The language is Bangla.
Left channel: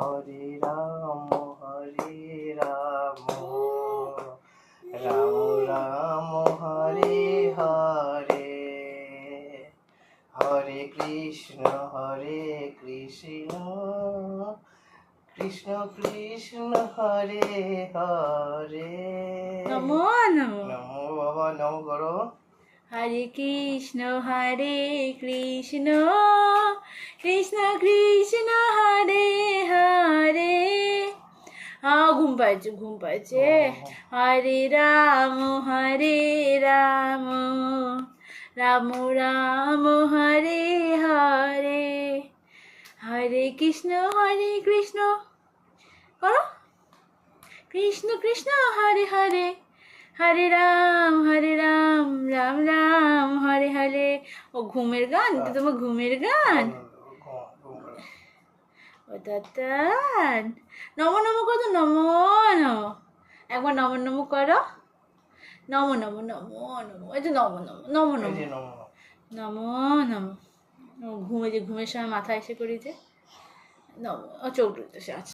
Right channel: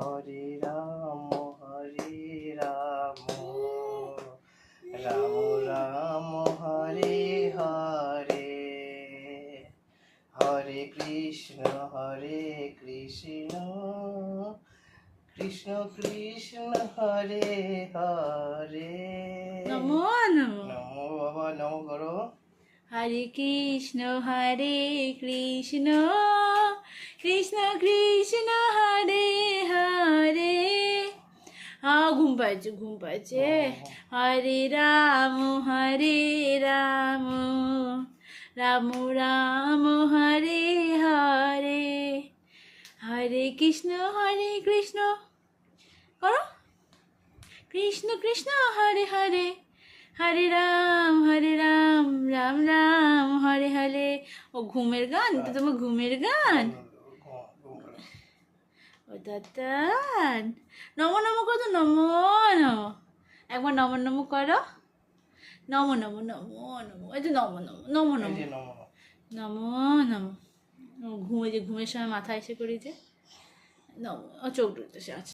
হরে রাম রাম রাম হরে হরে, হরে কৃষ্ণ কৃষ্ণ কৃষ্ণ হরে হরে। নমো নমো। নমো বাবা, নমো করো। হরে কৃষ্ণ কৃষ্ণ কৃষ্ণ কৃষ্ণ হরে হরে। ঘুম পাচ্ছে। হরে রাম রাম রাম হরে হরে, হরে কৃষ্ণ করো, কৃষ্ণ কৃষ্ণ হরে হরে, হরে রাম রাম রাম হরে হরে। ও ঘুমের গান, এটা তোমার ঘুমের গান। ও তাতান, নমো নমো করো, নমো নমো। একবার নমো নমো করো, নমো নমো নমো নমো, এই যে নমো নমো নমো নমো নমো নমো। ঘুমের সময় মাথা এসে করেছে। নমো, ও চোখ